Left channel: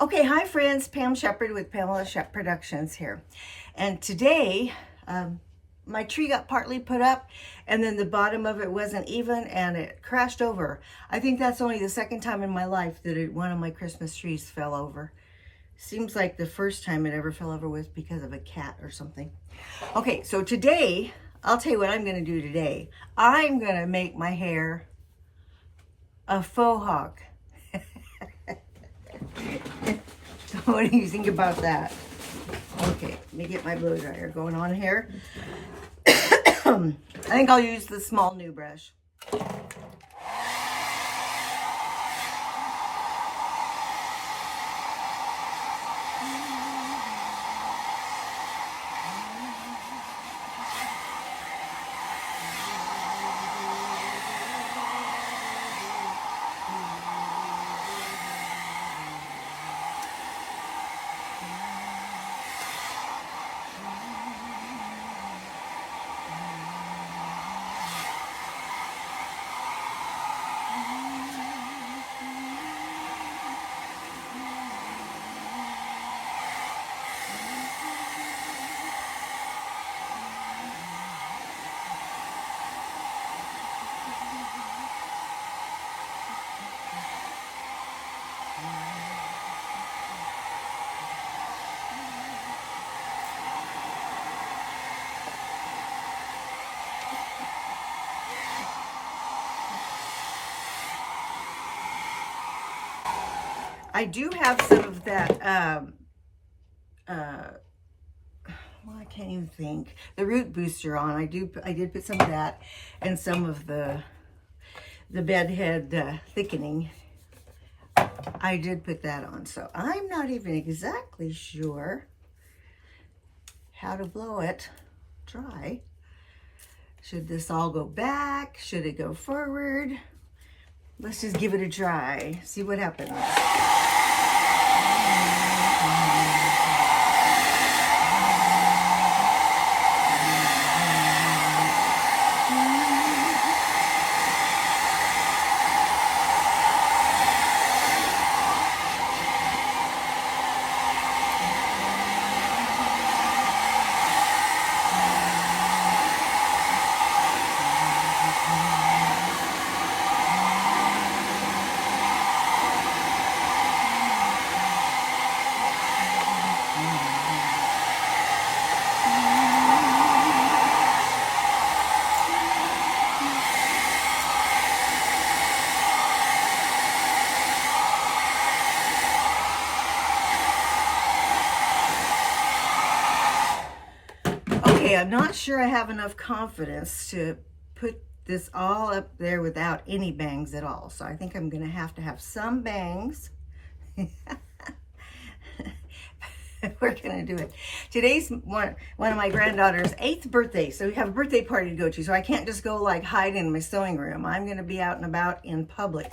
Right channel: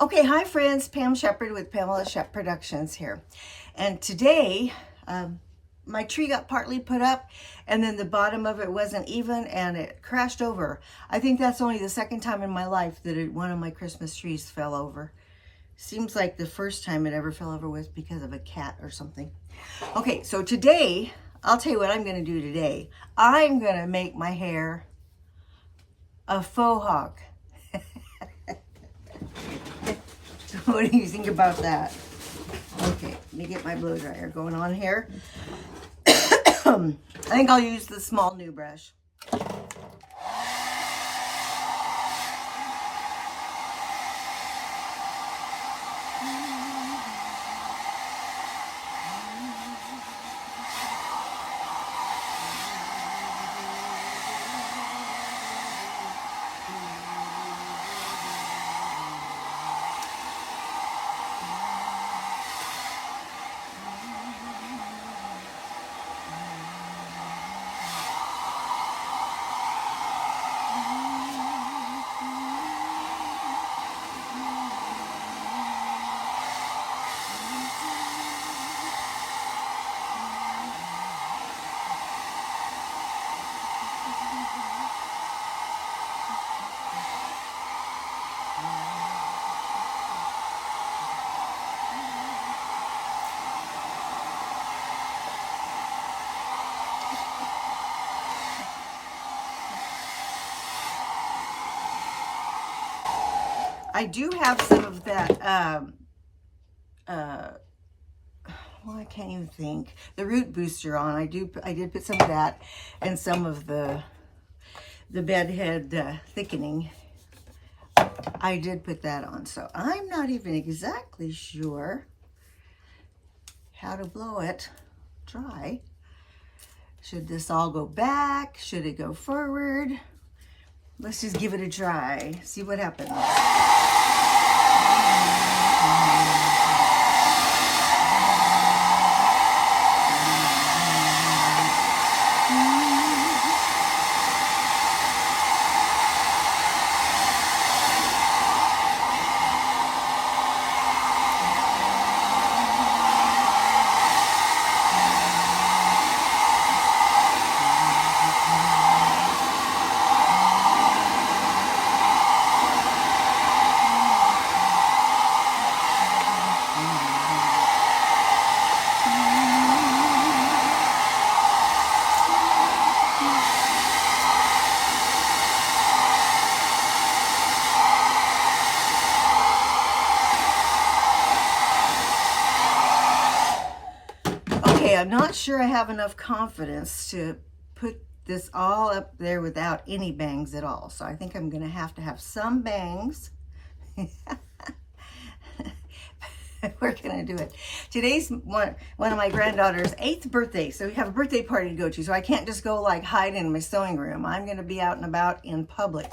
Okay, hi friends, Pam Shepherd with Pamela Shep Productions here. And today, my tree got partly put up and then the bottom of it wasn't even and it crashed over. I think that's only the second time in my life that one of my Christmas trees fell over. Seems like the first time it ever fell over was because of a cat or something. Okay, so today, I'll tell you what I'm gonna do today. I'm gonna make my hair a faux hawk. What do you think about that? Okay, let me get my blow dryer going on here. I think I'll use the small new brush. I do have some of that, well, I can't even think. The root booster on. I did put some of that and some of the bedhead thickening. I did put that on, so I'm not even exactly sure how to blow it dry. Should this all go back? Should it go forward? Let's just give it a try. See what happens. Okay, I'm not sure I have enough confidence to put this all up there without any bangs at all. So I think I'm going to have some bangs. We're going to do it. Today's one of my granddaughter's 8th birthday. So we have a birthday party to go to. So I can't just go like hide in my sewing room. I'm going to be out and about in public.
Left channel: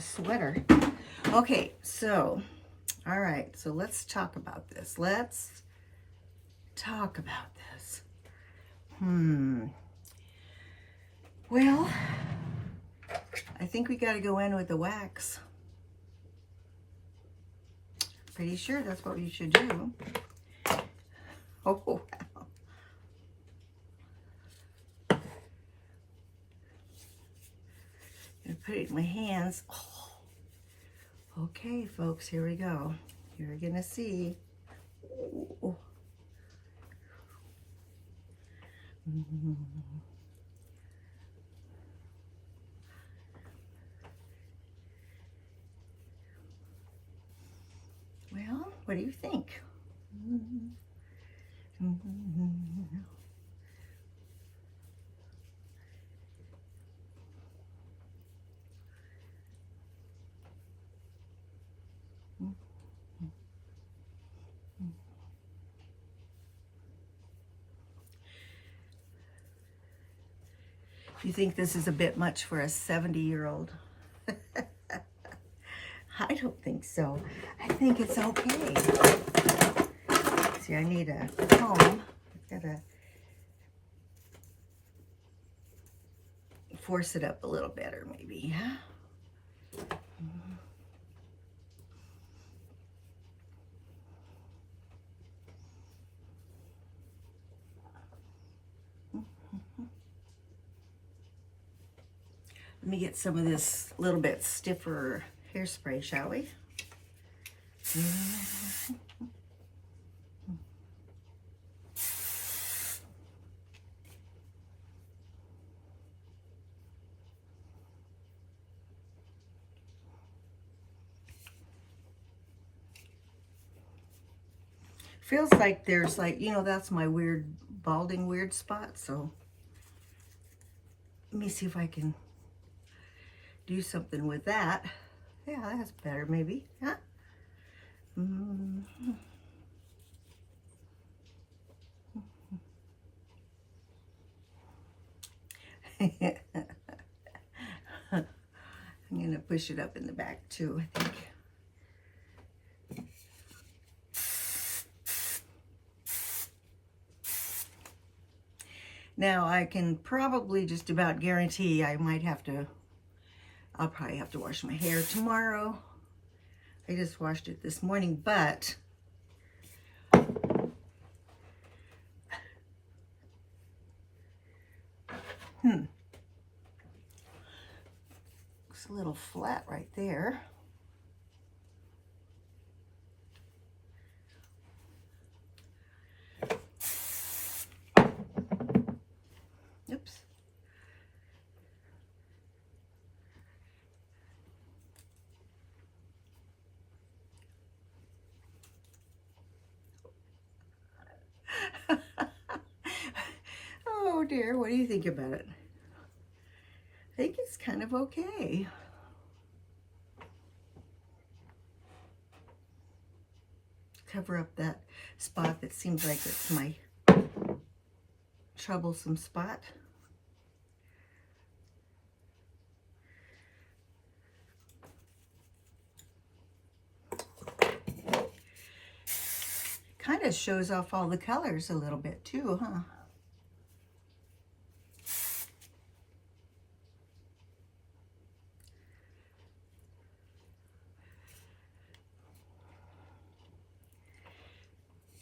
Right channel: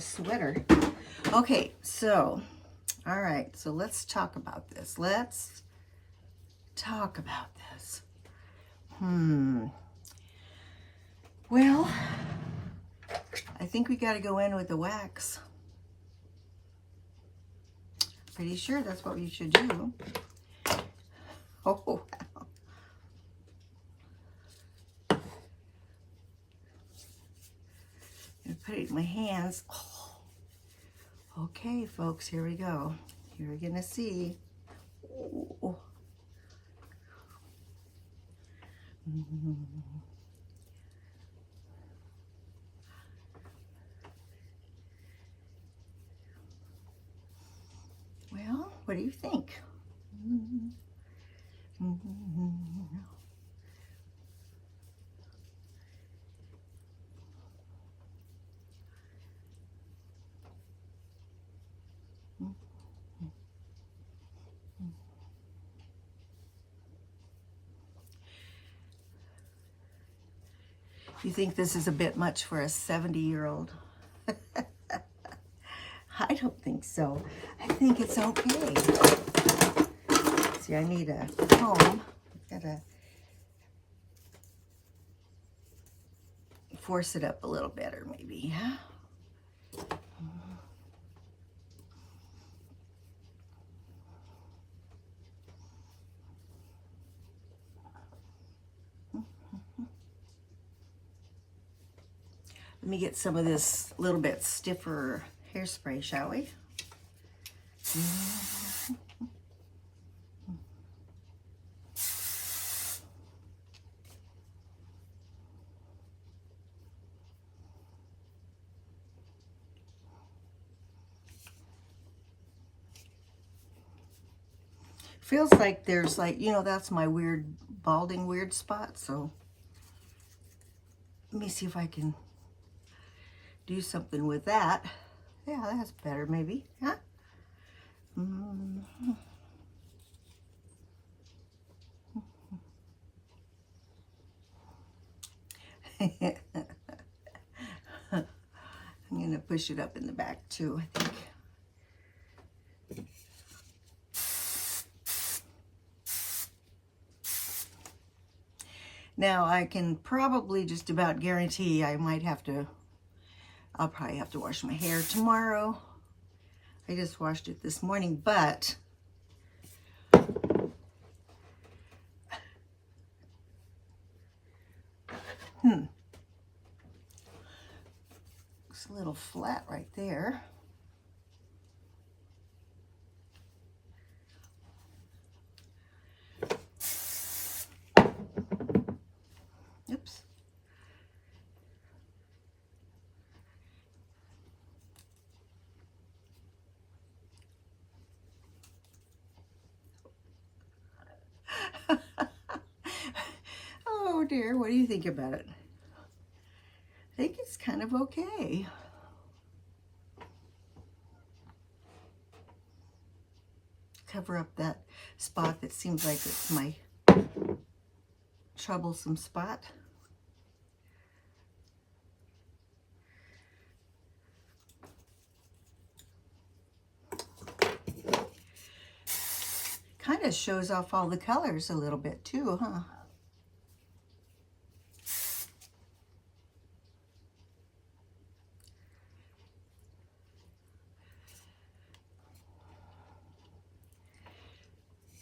a sweater. Okay, so, all right, so let's talk about this. Let's talk about this. Well, I think we got to go in with the wax. Pretty sure that's what we should do. Oh, wow. I'm gonna put it in my hands. Oh. Okay, folks, here we go. You're gonna see. Oh. Well, what do you think? You think this is a bit much for a 70-year-old? I don't think so. I think it's okay. See, I need a comb. I've got to force it up a little better, maybe. Yeah? Let me get some of this little bit stiffer hairspray, shall we? Feels like there's like, you know, that's my weird balding weird spot. So let me see if I can do something with that. Yeah, that's better maybe, huh? I'm gonna push it up in the back too, I think. Now I can probably just about guarantee I'll probably have to wash my hair tomorrow. I just washed it this morning, but looks a little flat right there. Oops. Oh dear, what do you think about it? I think it's kind of okay. Cover up that spot that seems like it's my troublesome spot. Kind of shows off all the colors a little bit too, huh?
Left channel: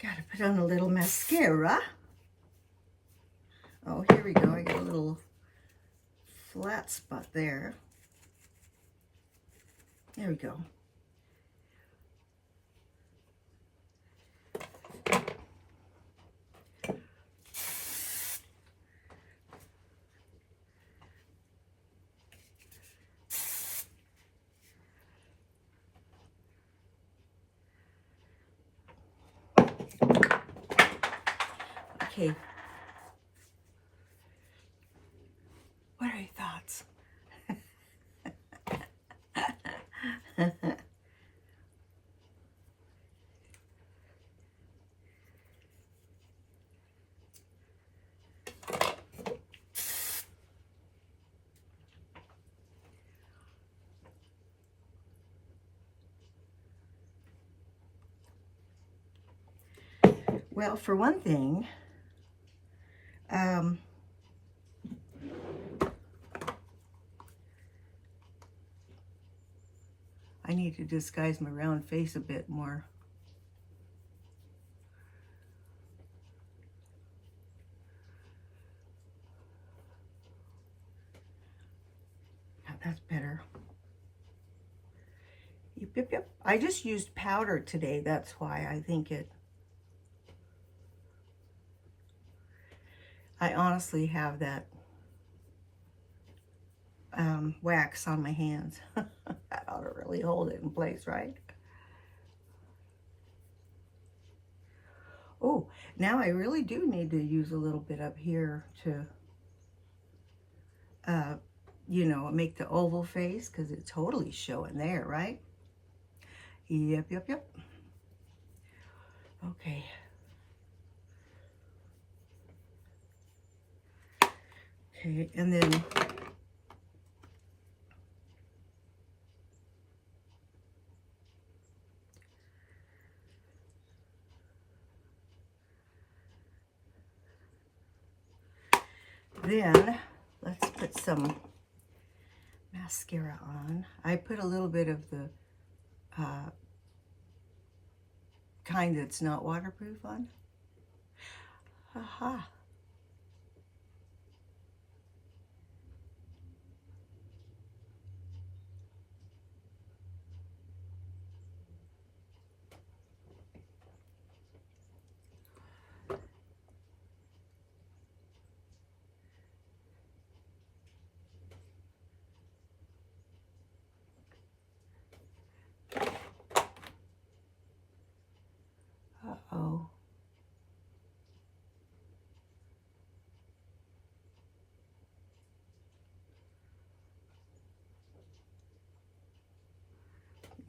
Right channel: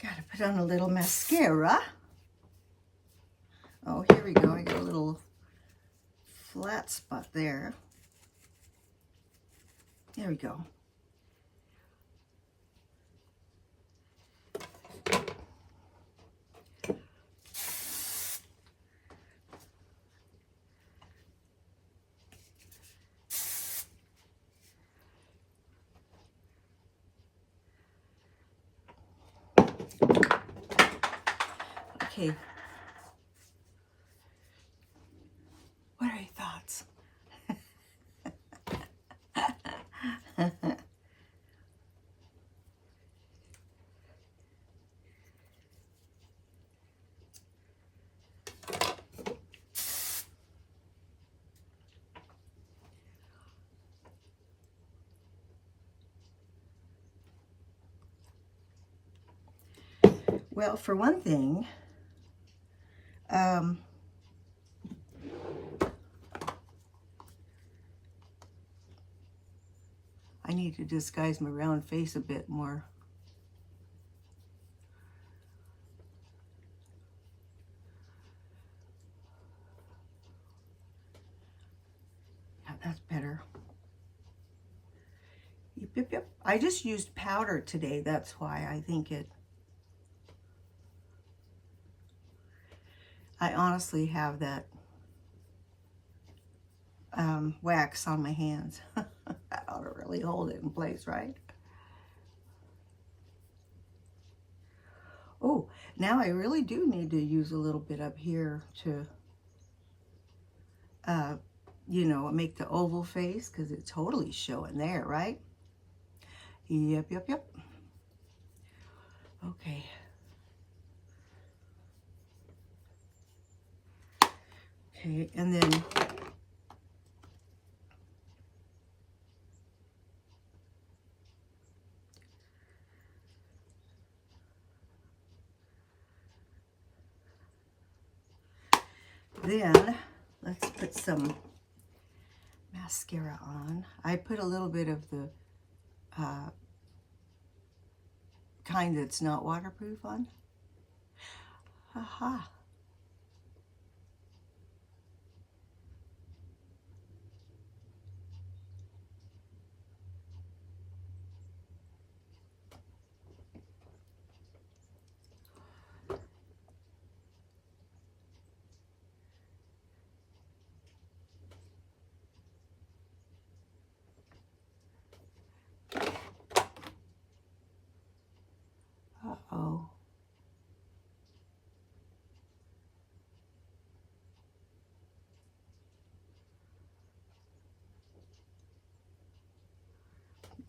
Gotta put on a little mascara. Oh, here we go. I got a little flat spot there. There we go. Okay. What are your thoughts? Well, for one thing, I need to disguise my round face a bit more. Yeah, that's better. Yep, yep, yep. I just used powder today. That's why I think it... I honestly have that wax on my hands. That ought to really hold it in place, right? Oh, now I really do need to use a little bit up here to, you know, make the oval face, because it's totally showing there, right? Yep, yep, yep. Okay. Okay, and then let's put some mascara on. I put a little bit of the kind that's not waterproof on. Aha. Uh-oh.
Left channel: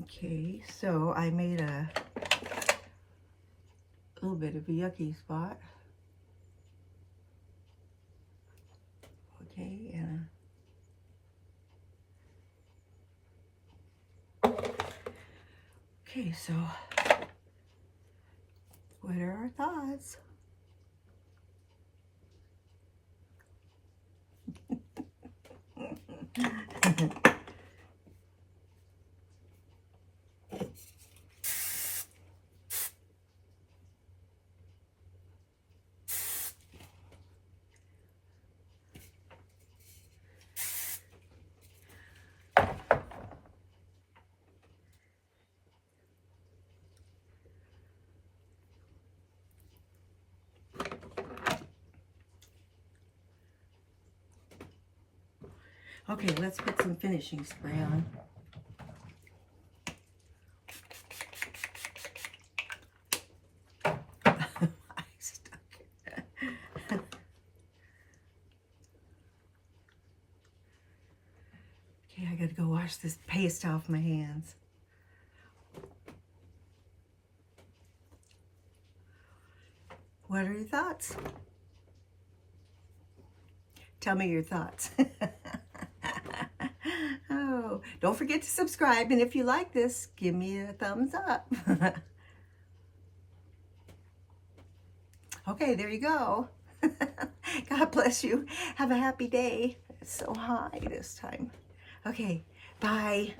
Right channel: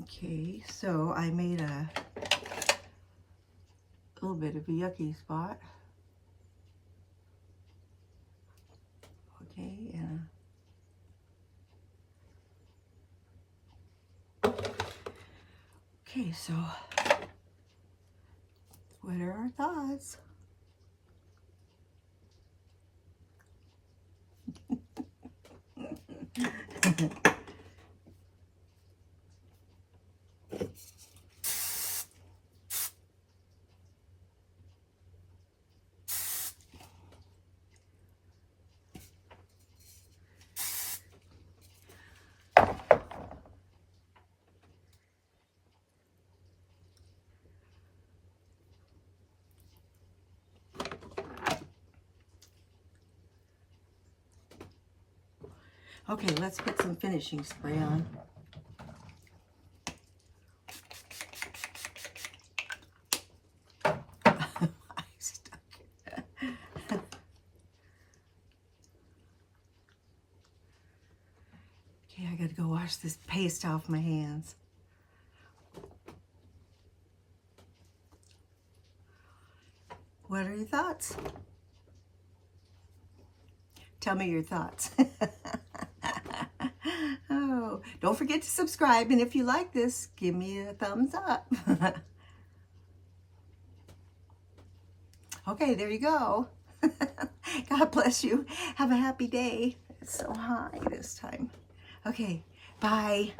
Okay, so I made a little bit of a yucky spot. Okay, and okay, so what are our thoughts? Okay, let's put some finishing spray on. I stuck it. Okay, I gotta go wash this paste off my hands. What are your thoughts? Tell me your thoughts. Oh, don't forget to subscribe, and if you like this, give me a thumbs up. Okay, there you go. God bless you. Have a happy day. It's so high this time. Okay, bye.